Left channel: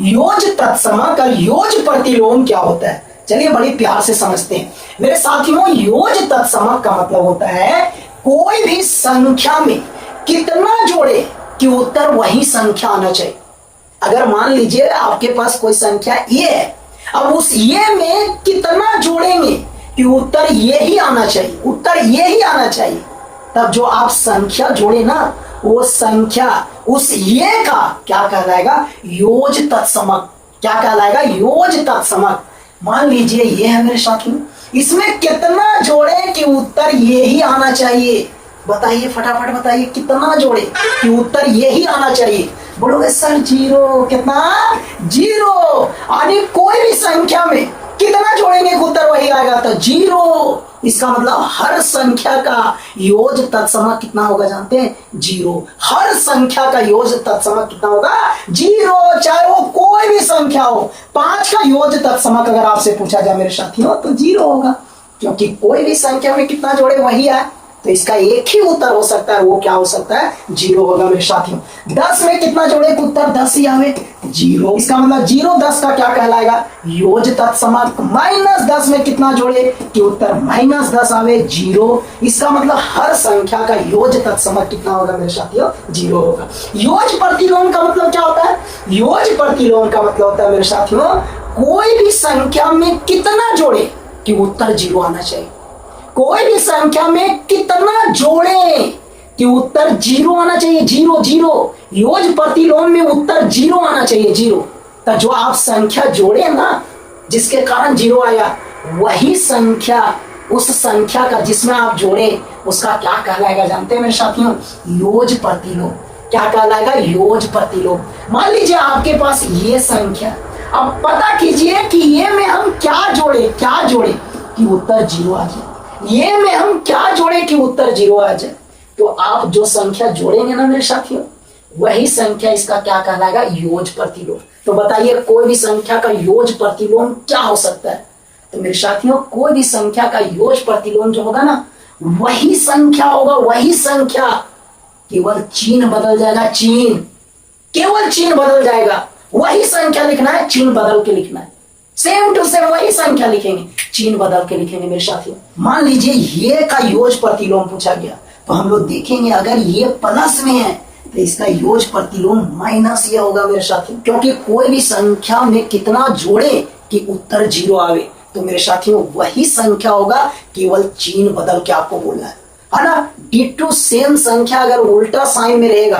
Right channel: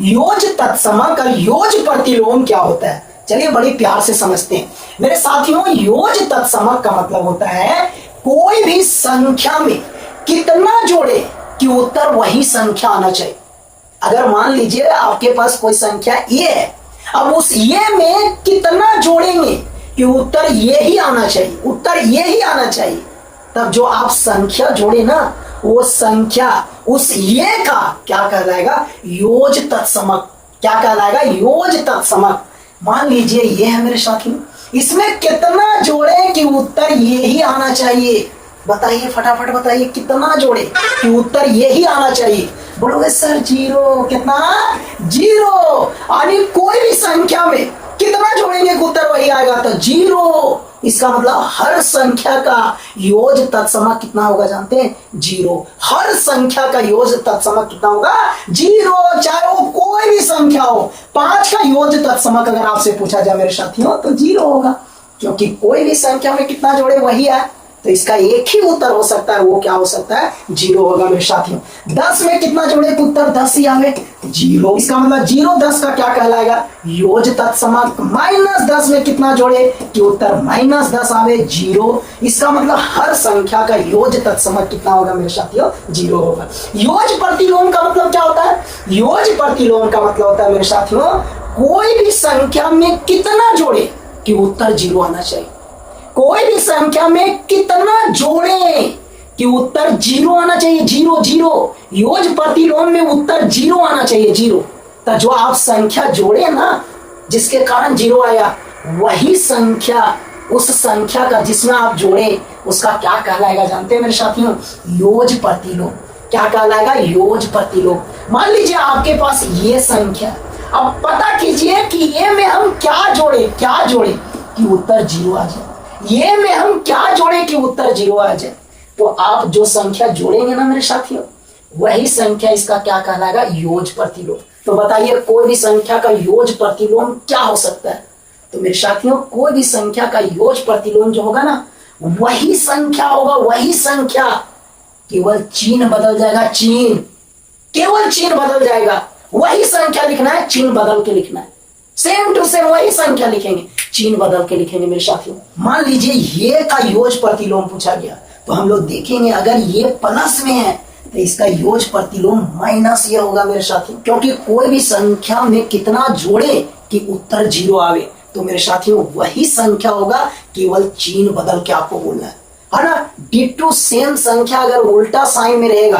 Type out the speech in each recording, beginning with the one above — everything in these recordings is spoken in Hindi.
योज तत्समक और योज प्रतिलोम क्या होता है, चलिए बड़ी प्यार से समझते हैं मेरे साथियों। योज तत्समक का मतलब होता है कोई भी संख्या में कितना जोड़े कि उत्तर वही संख्या आना चाहिए। अगर मान लीजिए आपके पास कोई संख्या ये है, अब उस ये में कितना जोड़ेंगे कि उत्तर ये ही आना चाहिए, उत्तर ये ही आना चाहिए। तब जो आप संख्या जोड़े ना, वो संख्या उस ये का क्या कहलाएगा, योज तत्समक। क्या कहलाएगा, योज तत्समक। मान लीजिए ये है मेरे साथियों, इसमें कितना जोड़े कि उत्तर ये ही आना चाहिए। बताइए फटाफट बताइए, कितना जोड़े कि उत्तर ये ही आना चाहिए। बोलोगे सर जीरो, कितना, जीरो। यानी कोई भी संख्या में कितना जोड़ेंगे कि उत्तर वही आएगा, तो जीरो। इसका मतलब हर संख्या का योज तत्समक कितना होगा जानते हैं, जीरो। हर संख्या का योज तत्समक कितना होगा, जीरो। चाहे वो कोई भी संख्या हो, 5 का योज तत्समक अगर आपसे पूछा जाए मेरे साथियों तो जीरो होगा, क्योंकि कोई भी संख्या में कितना जोड़े वही है। तो इसका एक ही उत्तर हो सकता है, वो क्या हो सकता है, जीरो होगा मेरे साथियों। 10 में कितना जोड़े कि उत्तर 10 ही आवे, जीरो। इसका मतलब जीरो 10 का क्या कहलाएगा, योज तत्समक। -10 में कितना जोड़े कि उत्तर -10 आवे, जीरो। इसका मतलब हर संख्या का योज तत्समक कितना होगा मेरे साथियों, जीरो होगा। योज प्रतिलोम का मतलब क्या होता है, योज प्रतिलोम का मतलब होता है मेरे साथियों कोई भी संख्या में कितना जोड़े कि उत्तर जीरो आना चाहिए। कोई भी संख्या में कितना जोड़े कि उत्तर जीरो आना चाहिए, जीरो जीरो। योज प्रतिलोम में उत्तर जीरो आना चाहिए, जीरो। तो जो आप संख्या जोड़े ना जिसके कारण जीरो आया, वही संख्या उस संख्या का जिसमें आप जोड़े उसका क्या कहलाएगा जानते हैं मेरे साथियों, योज प्रतिलोम। क्या कहलाएगा, योज प्रतिलोम। मान लीजिए आपके पास ये संख्या, अब पता कीजिए कि ये में हम क्या जोड़े कि उत्तर जीरो आ जाए, ये में हम क्या जोड़े कि उत्तर जीरो आ जाए। तो आप जो संख्या जोड़ेंगे ना मेरे साथियों, वही संख्या इसका क्या कहलाएगा, योज प्रतिलोम। तो बताइए कोई भी संख्या का योज प्रतिलोम क्या हो सकता है, तो मेरे साथियों कोई भी संख्या का योज प्रतिलोम जो होगा ना, वही संख्या होगा, वही संख्या। केवल चिन्ह बदल जाएगा, चिन्ह, केवल चिन्ह बदल जाएगा। वही संख्या लिखना है, चिन्ह बदल के लिखना है, सेम टू सेम वही संख्या लिखेंगे, चिन्ह बदल के लिखेंगे मेरे साथियों। मान लीजिए ये का योज प्रतिलोम पूछा गया, तो हम लोग देखेंगे अगर ये प्लस में है तो इसका योज प्रतिलोम माइनस ये होगा मेरे साथियों, क्योंकि कोई भी संख्या में कितना जोड़े कि उत्तर जीरो आवे। तो मेरे साथियों वही संख्या होगा, केवल चिन्ह बदल के आपको बोलना है ना। डिटो सेम संख्या अगर उल्टा साइन में रहेगा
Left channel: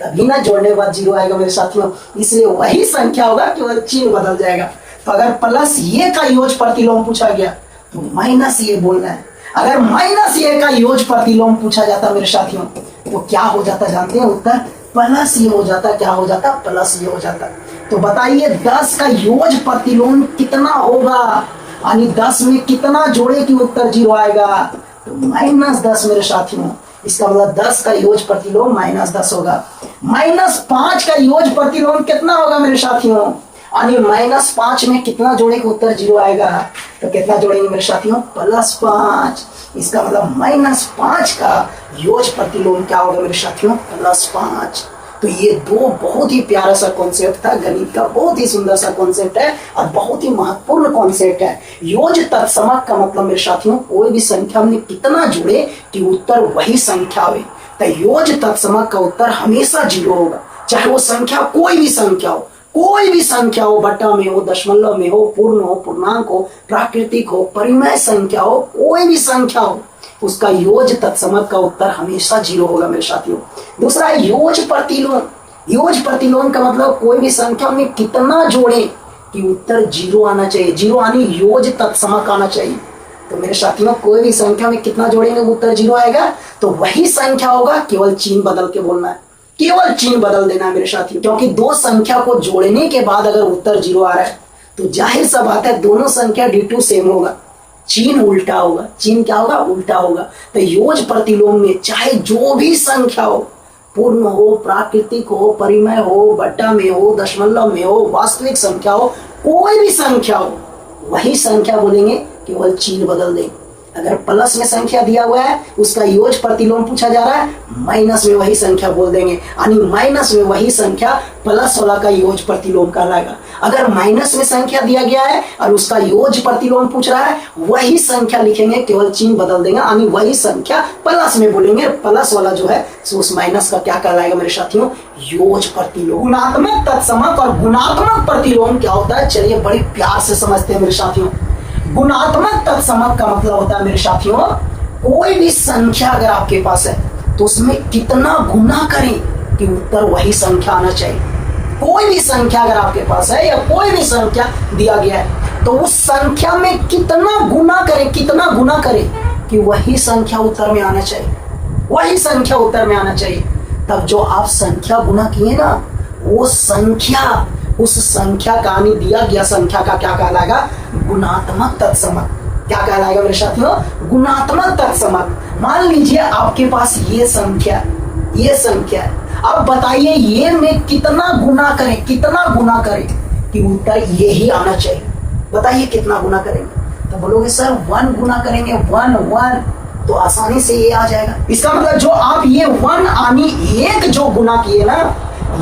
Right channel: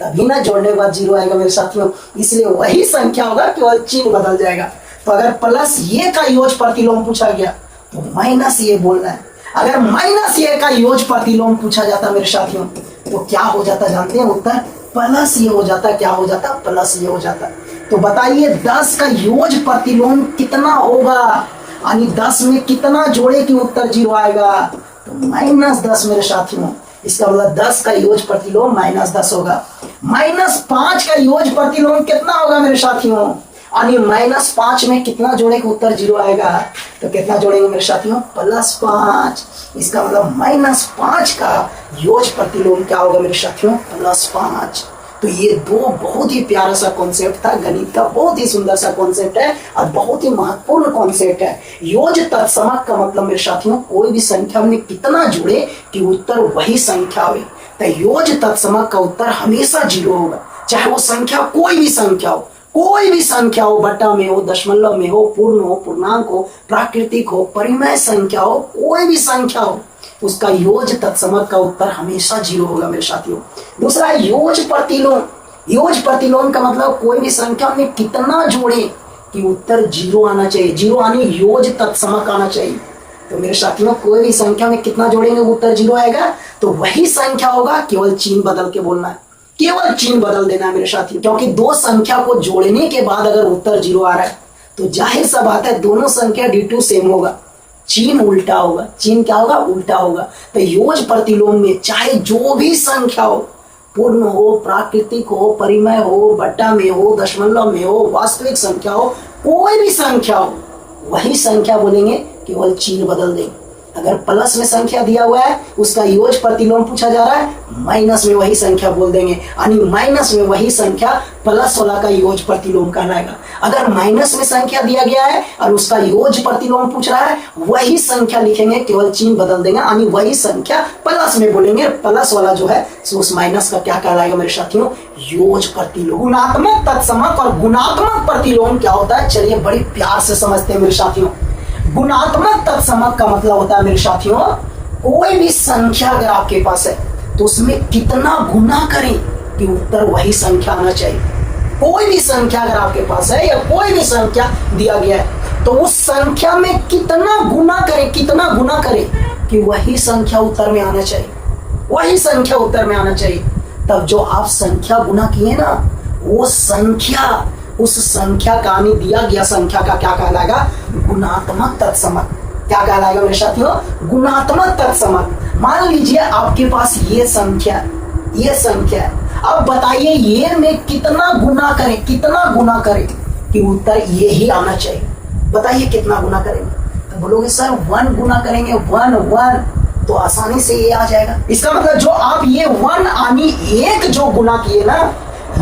तभी ना जोड़ने के बाद जीरो आएगा मेरे साथियों, इसलिए वही संख्या होगा, केवल चिन्ह बदल जाएगा। तो अगर प्लस ये का योज प्रतिलोम पूछा गया तो माइनस ये बोलना है। अगर माइनस ये का योज प्रतिलोम पूछा जाता मेरे साथियों तो क्या हो जाता जानते हैं, उत्तर प्लस ये हो जाता। क्या हो जाता, प्लस ये हो जाता। तो बताइए 10 का योज प्रतिलोम कितना होगा, यानी 10 में कितना जोड़े कि उत्तर जीरो आएगा, तो -10 मेरे साथियों। इसका मतलब 10 का योज प्रतिलोम -10 होगा। -5 का योज प्रतिलोम कितना होगा मेरे साथियों, यानी -5 में कितना जोड़े कि उत्तर जीरो आएगा, तो कितना जोड़ेंगे मेरे साथियों, +5। इसका मतलब -5 का योज प्रतिलोम क्या होगा मेरे साथियों, +5। तो ये दो बहुत ही प्यारा सा कॉन्सेप्ट था, गणित का बहुत ही सुंदर सा कॉन्सेप्ट है और बहुत ही महत्वपूर्ण कॉन्सेप्ट है। योज तत्समक का मतलब मेरे साथियों कोई भी संख्या में कितना जुड़े कि उत्तर वही संख्या हो। तो योज तत्समक का उत्तर हमेशा जीरो होगा, चाहे वो संख्या कोई भी संख्या हो, कोई भी संख्या हो, बट्टा में हो, दशमलव में हो, पूर्ण हो, पूर्णांक हो, प्राकृतिक हो, परिमेय संख्या हो, कोई भी संख्या हो, उसका योज तत्समक का उत्तर हमेशा जीरो होगा मेरे साथियों। दूसरा है योज प्रतिलोम। योज प्रतिलोम का मतलब कोई भी संख्या में कितना जोड़े कि उत्तर जीरो आना चाहिए, जीरो यानी योज तत्समक आना चाहिए। तो मेरे साथियों कोई भी संख्या में कितना जोड़ेंगे उत्तर जीरो आएगा, तो वही संख्या होगा, केवल चिन्ह बदल के बोलना है, केवल चिन्ह बदल देना है मेरे साथियों। क्योंकि दो संख्या को जोड़ने के बाद अगर उत्तर जीरो आ रहा है तो जाहिर सा बात है दोनों संख्या D2 सेम होगा, चिन्ह उल्टा होगा। चिन्ह क्या होगा, उल्टा होगा। तो योज प्रतिलोम में चाहे जो भी संख्या हो, पूर्ण हो, प्राकृतिक हो, परिमेय हो, बट्टा में हो, दशमलव में हो, वास्तविक संख्या हो, कोई भी संख्या हो, वही संख्या बोलेंगे, केवल चिन्ह बदल देंगे। अगर प्लस में संख्या दिया हुआ है उसका योज प्रतिलोम पूछा जा रहा है, माइनस में वही संख्या बोल देंगे, यानी माइनस में वही संख्या प्लस वाला का योज प्रतिलोम कहलाएगा। अगर माइनस में संख्या दिया गया है और उसका योज प्रतिलोम पूछ रहा है, वही संख्या लिखेंगे, केवल चिन्ह बदल देंगे, यानी वही संख्या प्लस में बोलेंगे, प्लस वाला जो है उस माइनस का क्या कहलाएगा मेरे साथियों, योज प्रतिलोम। गुणात्मक तत्समक और गुणात्मक प्रतिलोम क्या होता है, चलिए बड़ी प्यार से समझते हैं मेरे साथियों। गुणात्मक तत्समक का मतलब होता है मेरे साथियों, कोई भी संख्या अगर आपके पास है तो उसमें कितना गुना करें कि उत्तर वही संख्या आना चाहिए। कोई भी संख्या अगर आपके पास है या कोई भी संख्या दिया गया है तो उस संख्या में कितना गुना करें, कितना गुना करें कि वही संख्या उत्तर में आना चाहिए, वही संख्या उत्तर में आना चाहिए। तब जो आप संख्या गुना किए ना, वो संख्या, उस संख्या का दिया गया संख्या का क्या कहलाएगा, गुणात्मक तत्समक। क्या कहलाएगा मेरे साथियों, गुणात्मक तत्समक। मान लीजिए आपके पास ये संख्या है, अब बताइए ये में कितना गुना करें, कितना गुना करें कि उत्तर ये ही आना चाहिए। बताइए कितना गुना करेंगे, तो बोलोगे सर 1 गुना करेंगे, 1 तो आसानी से ये आ जाएगा। इसका मतलब जो आप ये 1 यानी 1 जो गुना किए ना,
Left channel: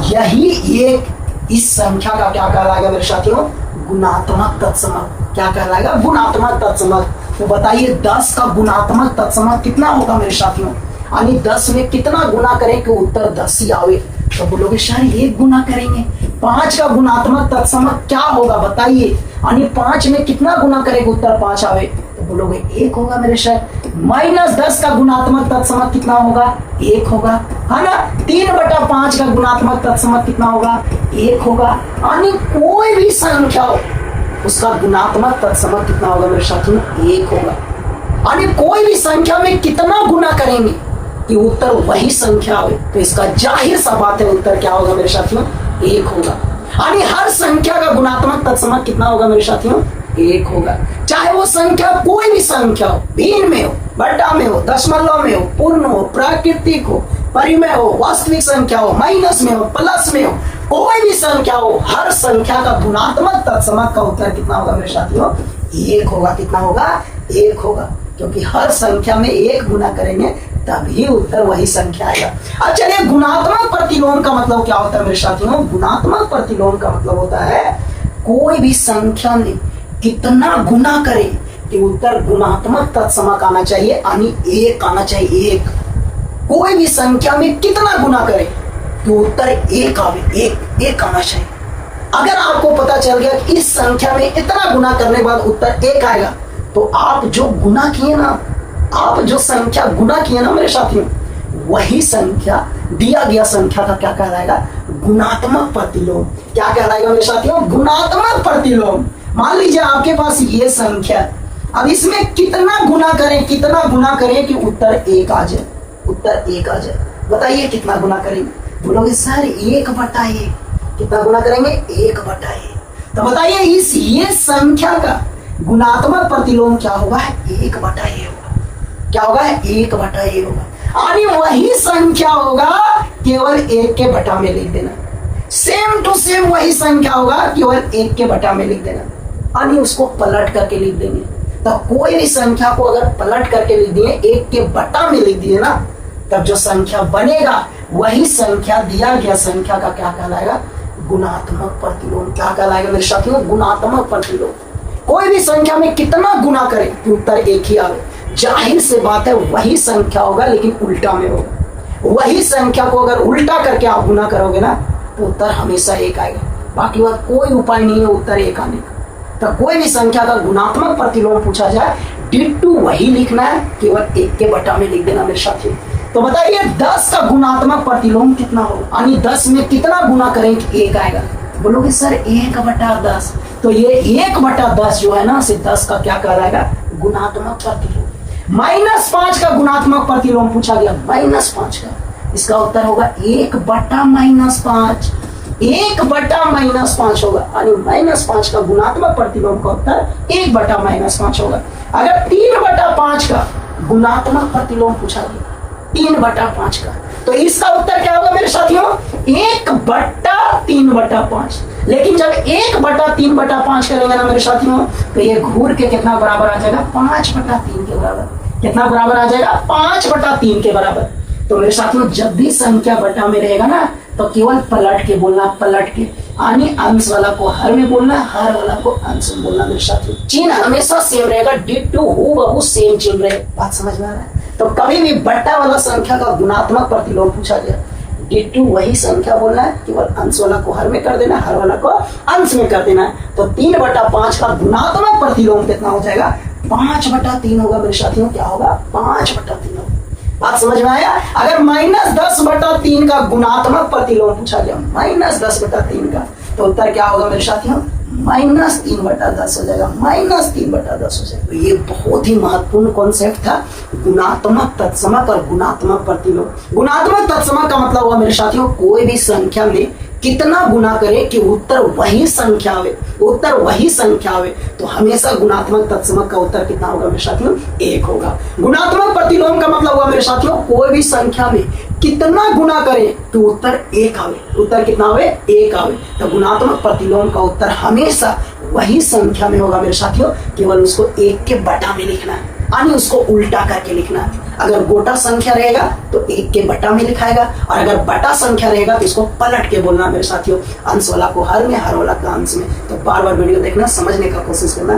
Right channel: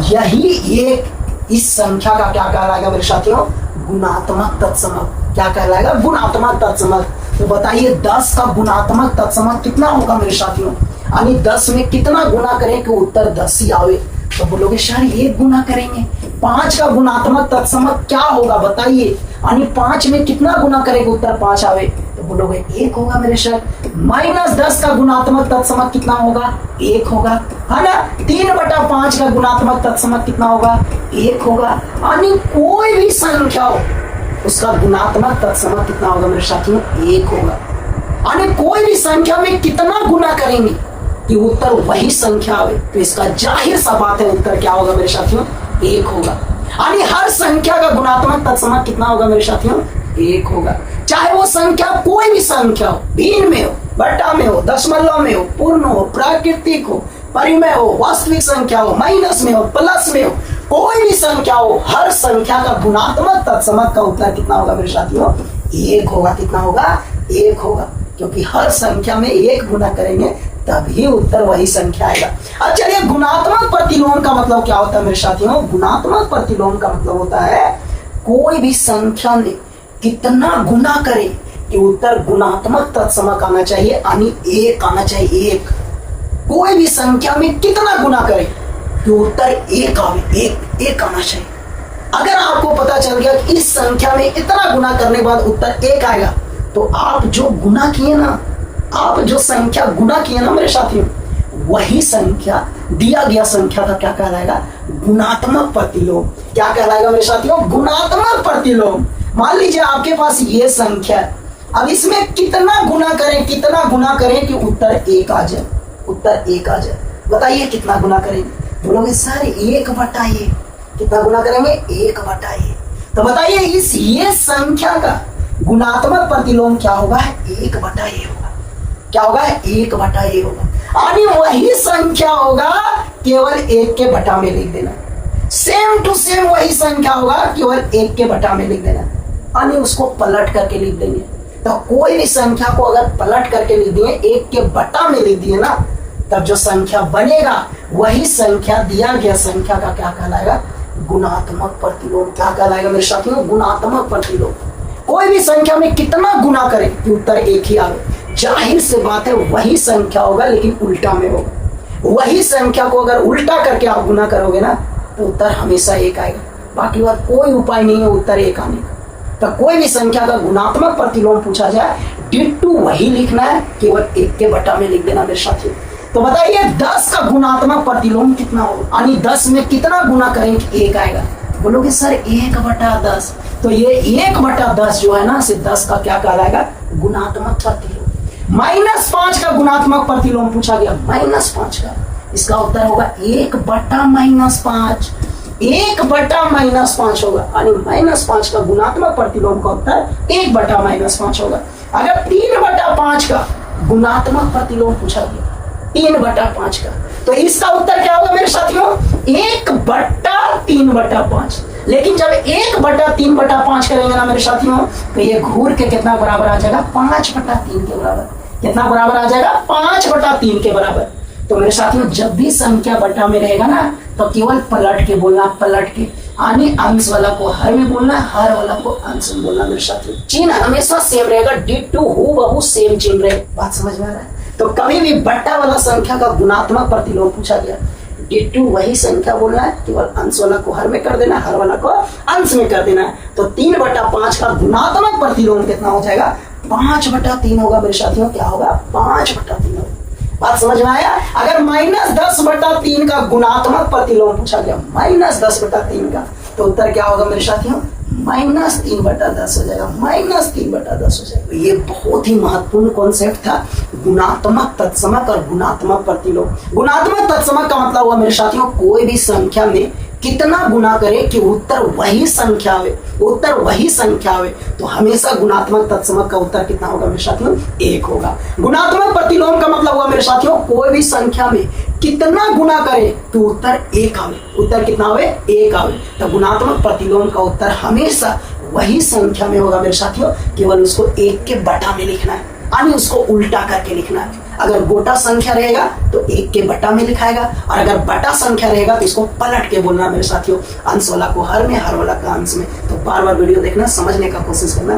यही एक इस संख्या का क्या कहलाएगा मेरे साथियों, गुणात्मक तत्समक। क्या कहलाएगा, गुणात्मक तत्समक। तो बताइए 10 का गुणात्मक तत्समक कितना होगा मेरे साथियों, यानी 10 में कितना गुना करें कि उत्तर 10 ही आवे। तो बोलोगे सर 1 गुना करेंगे। 5 का गुणात्मक तत्समक क्या होगा बताइए, यानी 5 में कितना गुना करें कि उत्तर 5 आवे। तो बोलोगे 1 होगा मेरे सर। -10 का गुणात्मक तत्समक कितना होगा, 1 होगा, है ना। 3/5 का गुणात्मक तत्समक कितना होगा, 1 होगा। यानी कोई भी संख्या हो उसका गुणात्मक तत्समक कितना होगा मेरे साथियों, 1 होगा। यानी कोई भी संख्या में कितना गुना करेंगे कि उत्तर वही संख्या आवे, तो इसका जाहिर सा बात है उत्तर क्या होगा मेरे साथियों, 1 होगा। यानी हर संख्या का गुणात्मक तत्समक कितना होगा मेरे साथियों, 1 होगा। चाहे वो संख्या कोई भी संख्या हो, भिन्न में हो, बटा में हो, दशमलव में हो, पूर्ण हो, प्राकृतिक हो, परिमेय हो, वास्तविक संख्या हो, माइनस में हो, प्लस में हो, कोई भी संख्या हो, हर संख्या का गुणात्मक तत्समक का उत्तर कितना होगा मेरे साथियों, 1 होगा। कितना होगा, 1 होगा, क्योंकि हर संख्या में 1 गुना करेंगे तभी उत्तर वही संख्या आएगा। अब चलिए गुणात्मक प्रतिलोम का मतलब क्या होता है मेरे साथियों, गुणात्मक प्रतिलोम का मतलब होता है कोई भी संख्या में कितना गुना करे कि उत्तर गुणात्मक तत्समक आना चाहिए, यानी 1 आना चाहिए, 1। कोई भी संख्या में कितना गुना करे कि उत्तर 1 आवे, 1 आना चाहिए। अगर आपको पता चल गया कि इस संख्या में इतना गुना करने के बाद उत्तर 1 आएगा, तो आप जो गुना किए ना, आप जो संख्या गुना किए ना मेरे साथियों, वही संख्या दिया गया संख्या का क्या कहलाएगा, गुणात्मक प्रतिलोम। क्या कहलाएगा मेरे साथियों, गुणात्मक प्रतिलोम। मान लीजिए आपके पास ये संख्या, अब इसमें कितना गुना करें, कितना गुना करें कि उत्तर 1 आ जाए, उत्तर 1 आ जाए। बताइए कितना गुना करेंगे। बोलोगे सर 1/1। कितना गुना करेंगे, 1/1। तो बताइए इस ये संख्या का गुणात्मक प्रतिलोम क्या होगा, 1/a होगा। क्या होगा, 1/a होगा। यानी वही संख्या होगा, केवल 1 के बटा में लिख देना। सेम टू सेम वही संख्या होगा, केवल 1 के बटा में लिख देना, यानी उसको पलट करके लिख देंगे। तो कोई भी संख्या को अगर पलट करके लिख दिए, 1 के बटा में लिख दिए ना, तब जो संख्या बनेगा वही संख्या दिया गया संख्या का क्या कहलाएगा, गुणात्मक प्रतिलोम। क्या कहलाएगा मेरे साथियों, गुणात्मक प्रतिलोम। कोई भी संख्या में कितना गुना करें कि उत्तर 1 ही आवे, जाहिर से बात है वही संख्या होगा, लेकिन उल्टा में होगा। वही संख्या को अगर उल्टा करके आप गुना करोगे ना, तो उत्तर हमेशा 1 आएगा। बाकी बात कोई उपाय नहीं है उत्तर 1 आने का। तो कोई भी संख्या का गुणात्मक प्रतिलोम पूछा जाए, डिट्टू वही लिखना है, केवल 1 के बटा में लिख देना मेरे साथियों। तो बताइए 10 का गुणात्मक प्रतिलोम कितना होगा, यानी 10 में कितना गुना करें कि 1 आएगा। बोलोगे सर 1/10। तो ये 1/10 जो है ना, सिर्फ 10 का क्या कहलाएगा, गुणात्मक प्रतिलोम। -5 का गुणात्मक प्रतिलोम पूछा गया, -5 का, इसका उत्तर होगा 1/-5। 1/-5 होगा, यानी -5 का गुणात्मक प्रतिलोम का उत्तर 1/-5 होगा। अगर 3/5 का गुणात्मक प्रतिलोम पूछा गया, 3/5 का, तो इसका उत्तर क्या होगा मेरे साथियों, 1/3/5। लेकिन जब 1/3/5 करेंगे ना मेरे साथियों, तो ये घूर के कितना बराबर आ जाएगा, 5/3 के बराबर। कितना बराबर आ जाएगा, 5/3 के बराबर। तो मेरे साथियों जब भी संख्या बटा में रहेगा ना, तो केवल पलट के बोलना, पलट के, यानी अंश वाला को हर में बोलना, हर वाला को अंश में बोलना मेरे साथियों। चिन्ह हमेशा सेम रहेगा, डिट्टो हूबहू सेम चिन्ह रहे। बात समझ में आ रहा है? तो कभी भी बट्टा वाला संख्या का गुणात्मक प्रतिलोम पूछा गया, डिट्टो वही संख्या बोलना है, केवल अंश वाला को हर में कर देना, हर वाला को अंश में कर देना है। तो 3/5 का गुणात्मक प्रतिलोम कितना हो जाएगा, 5/3 होगा मेरे साथियों। क्या होगा, 5/3 होगा। बात समझ में आया? अगर -10/3 का गुणात्मक प्रतिलोम पूछा गया, -10/3 का, तो उत्तर क्या होगा मेरे साथियों, -3/10 हो जाएगा, -3/10 हो जाएगा। ये बहुत ही महत्वपूर्ण कॉन्सेप्ट था, गुणात्मक तत्समक और गुणात्मक प्रतिलोम। गुणात्मक तत्समक का मतलब हुआ मेरे साथियों, कोई भी संख्या में कितना गुना करे कि उत्तर वही संख्या आवे, उत्तर वही संख्या आवे, तो हमेशा गुणात्मक तत्समक का उत्तर कितना होगा मेरे साथियों, 1 होगा। गुणात्मक प्रतिलोम का मतलब हुआ मेरे साथियों, कोई भी संख्या में कितना गुना करे तो उत्तर 1 आवे, उत्तर कितना आवे, 1 आवे। तो गुणात्मक प्रतिलोम का उत्तर हमेशा वही संख्या में होगा मेरे साथियों, केवल उसको 1 के बटा में लिखना है, यानी उसको उल्टा करके लिखना है। अगर गोटा संख्या रहेगा तो 1 के बटा में लिखाएगा, और अगर बटा संख्या रहेगा तो इसको पलट के बोलना मेरे साथियों, अंश वाला को हर में, हर वाला का अंश में। तो बार बार वीडियो देखना, समझने का कोशिश करना।